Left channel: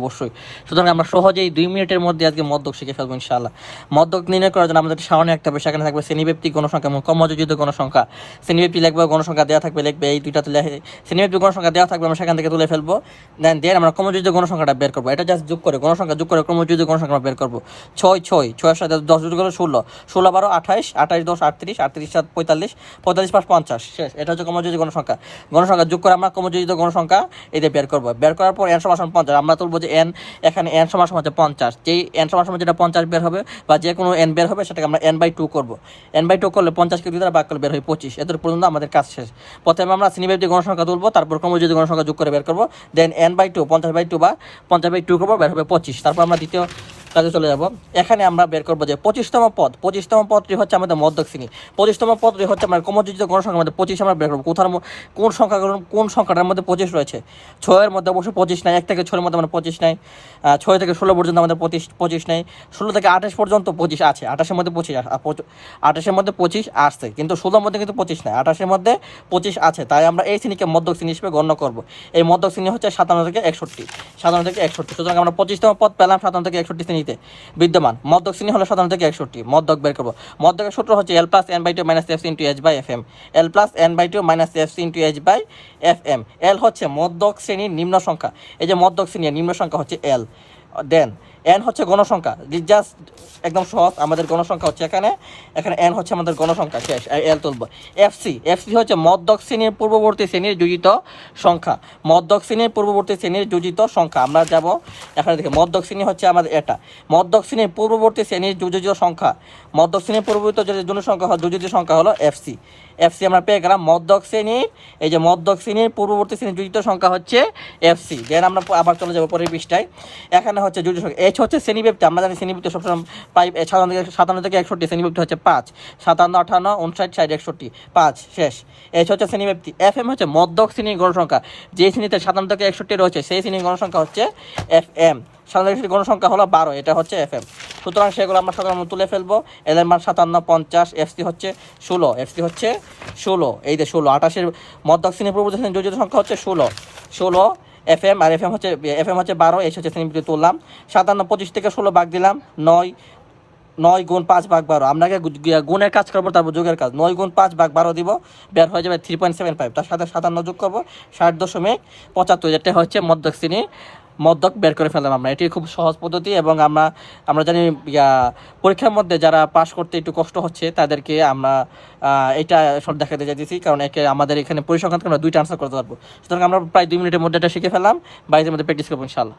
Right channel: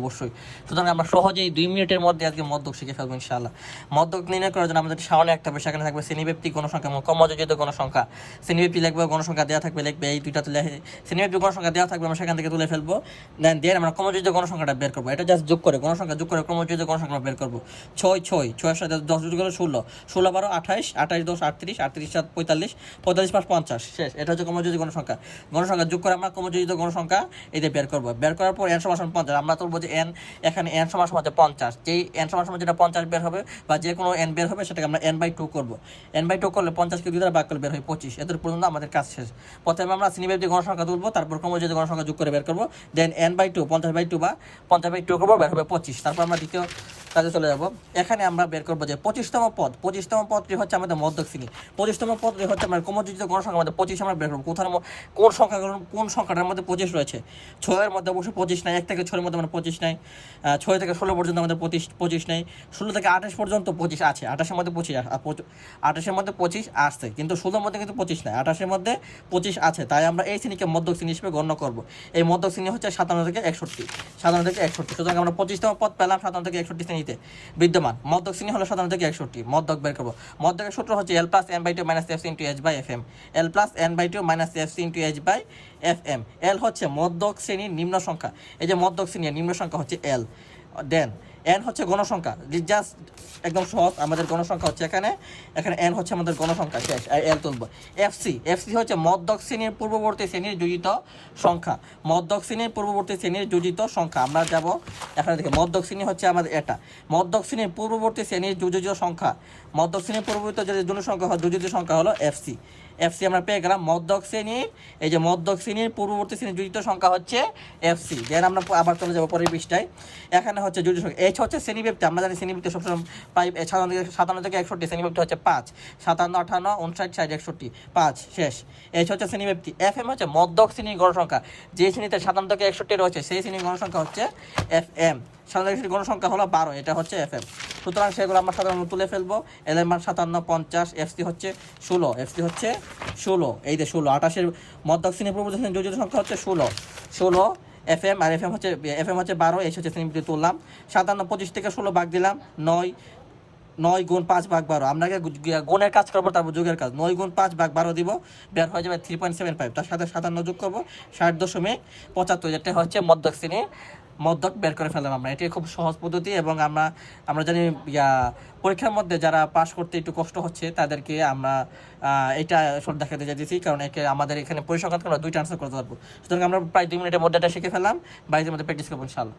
অবশ্যই। সুতরাং আমরা সহজেই 2 মিনিটের মধ্যে আজকে মদ্যক শিখে ফেলবো ইনশাআল্লাহ। মদ্যক নির্ণয় করার জন্য আমাদের সামনে একটা হবে, সেখানে থাকবে শ্রেণীব্যাপ্তিক গণসংখ্যা এবং ক্রমযোজিত গণসংখ্যা। শ্রেণীব্যাপ্তি লিখবো, গণসংখ্যা দেওয়া থাকবে লিখবে, এই দুইটা তুলে শ্রেণীব্যাপ্তিক গণসংখ্যা দেওয়া থাকবে, আমরা সেখান থেকে তুলে ফেলবো। দেন আমরা ক্রমযোজিত গণসংখ্যাটা বের করবো। এটা জাস্ট যোগ করে গণসংখ্যা যোগ করে ক্রমযোজিত গণসংখ্যা বের করবো। 6 সাথে 10 যোগ করলে 16, 16 12 28, 28 10 38, 38 7 45, 45 5 50 শেষ। এটা হচ্ছে ক্রমযোজিত গণসংখ্যা। গণসংখ্যা যোগ করে আমরা ক্রমযোজিত গণসংখ্যা এতে বের করবো। বের করার পর n সমান 50 আমরা তুলবো যে n, এখানে n সমান হচ্ছে 50। যেই n সমান যেটা 50 বের হবে বা যে কোনো n বের হবে সেটাকে আমরা n/2 করব। n/2 করলে 50কে 2 দ্বারা ভাগ করলে বের হয় 25। এত পর্যন্ত আমাদের কাজ শেষ। প্রথমে আমরা শ্রেণীব্যাপ্তিক গণসংখ্যা তুলবো, তারপর ক্রমযোজিত গণসংখ্যা যোগ করে বের করবো। দেন n/2 50/2 বা 50/2 করবো, বের হবে 25। তারপর আমরা দ্বিতীয় কাজে চলে যাব। এখানে আমরা বের করবো যে 25তম পদটি হচ্ছে আমাদের মধ্যক শ্রেণী। 25তম পদটি হচ্ছে আমরা ক্রমযোজিত গণসংখ্যার মধ্যে 25 আমরা বের করবো। কোন সংখ্যাটার মধ্যে 25 রয়েছে? 6 এর মধ্যে অবশ্যই 25 নাই। 1 থেকে 6 এর মধ্যে আমরা 25 নাই। 6 থেকে 16 পর্যন্ত আমাদের 25 নেই। 16 থেকে 28 পর্যন্ত 25 আছে। 28-এর মধ্যে 25 আসছে, কিন্তু 16-এর মধ্যে কিন্তু 25 নাই। 28-এর মধ্যে 25 আছে, তাই আমরা এই শ্রেণীকে মধ্যক শ্রেণী হিসেবে গণ্য করব। এই মধ্যক শ্রেণী হচ্ছে 57 থেকে 61। 57 থেকে 61। সুতরাং আমরা 25তম পদ পেলাম 57 থেকে 61 শ্রেণীতে বিদ্যমান। মধ্যক শ্রেণী হলো 57 থেকে 61। মধ্যক বের করব। মধ্যকের সূত্র হচ্ছে L + n/2 - fc × h/fm। L + n/2 - fc × h/fm। L হচ্ছে মধ্যক শ্রেণীর নিম্ন সংখ্যা। এই যে মধ্যক শ্রেণীর নিম্ন সংখ্যা হচ্ছে L। দেন n হচ্ছে গণসংখ্যা। জাস্ট একদম সহজ, আমাদের গণসংখ্যা হচ্ছে এখানে n হচ্ছে আমাদের গণসংখ্যা শেষ। L তুলব। fc হচ্ছে মধ্যক শ্রেণীর পূর্ববর্তী শ্রেণীর যোজিত সংখ্যা। মধ্যক শ্রেণীর পূর্ববর্তী শ্রেণীর যোজিত সংখ্যা। আমরা যাব এখানে দেখি, মধ্যক শ্রেণী হচ্ছে আমাদের এটা। মধ্যক শ্রেণীর পূর্ববর্তী শ্রেণীর যোজিত সংখ্যা, মধ্যক শ্রেণীর পূর্ববর্তী যে সংখ্যা হয় যোজিত সংখ্যা হলো fc। আমরা পেয়ে গেলাম মধ্যক শ্রেণীর, এই যে মধ্যক শ্রেণীর পূর্ববর্তী শ্রেণীর যোজিত সংখ্যা হচ্ছে fc। দেন আমরা আবার চলে যাবো পরের পৃষ্ঠায়। এখানে হচ্ছে যোজিত সংখ্যা h হচ্ছে শ্রেণীব্যাপ্তি। আমরা জানি শ্রেণীব্যাপ্তি সবসময় 57 থেকে 61। শ্রেণীব্যাপ্তি হচ্ছে 5, 57 58 59 60 61 5 শেষ। h হচ্ছে শ্রেণীব্যাপ্তি। fm হচ্ছে মধ্যক শ্রেণীর গণসংখ্যা। যে শ্রেণীতে 57 থেকে 61 রয়েছে সেই শ্রেণীর গণসংখ্যা হচ্ছে fm। 57 থেকে গণসংখ্যা হলো 12, এটা হচ্ছে fm। সুতরাং সেগুলো আমরা সকাল তুলে ফেলবো। l এর মান 57 50, fc হচ্ছে 16, এই যে 16। 28-এর মধ্যক শ্রেণীর পূর্ববর্তী শ্রেণীর যোজিত সংখ্যা হচ্ছে 16 fm, আর fm হচ্ছে 12, h হচ্ছে শ্রেণীবৃত্তি তুললাম। 57 25 থেকে 16 ভাগ দিলাম 9 গুণ 5 ভাগ 12। আমরা আগে গুণের কাজ করবো, তারপর যোগের কাজ। 9 গুণ 5 ভাগ 12 দিব, বের হয়ে যাবে 3.75। তার সাথে 57 যোগ করবো 60.75। এটা হচ্ছে মধ্যক শ্রেণী। মধ্যক বের করে ফেললাম আমরা। এটি খুব সহজ পদ্ধতি, এবং আমরা জানি পরীক্ষার মধ্যে যারা পাস করতে একটু কষ্ট হচ্ছে তাদেরকে আমরা এটা সব দেখাতে চাইতেছি, কারণ আমাদের এখানে পরিসংখ্যান আমরা 2টা আনসার করতে পারবো। সুতরাং আমরা প্রায় 2 মিনিটের মধ্যে এটা শিখে ফেললাম। বাইরের মধ্যে প্র্যাকটিস করবো ইনশাআল্লাহ।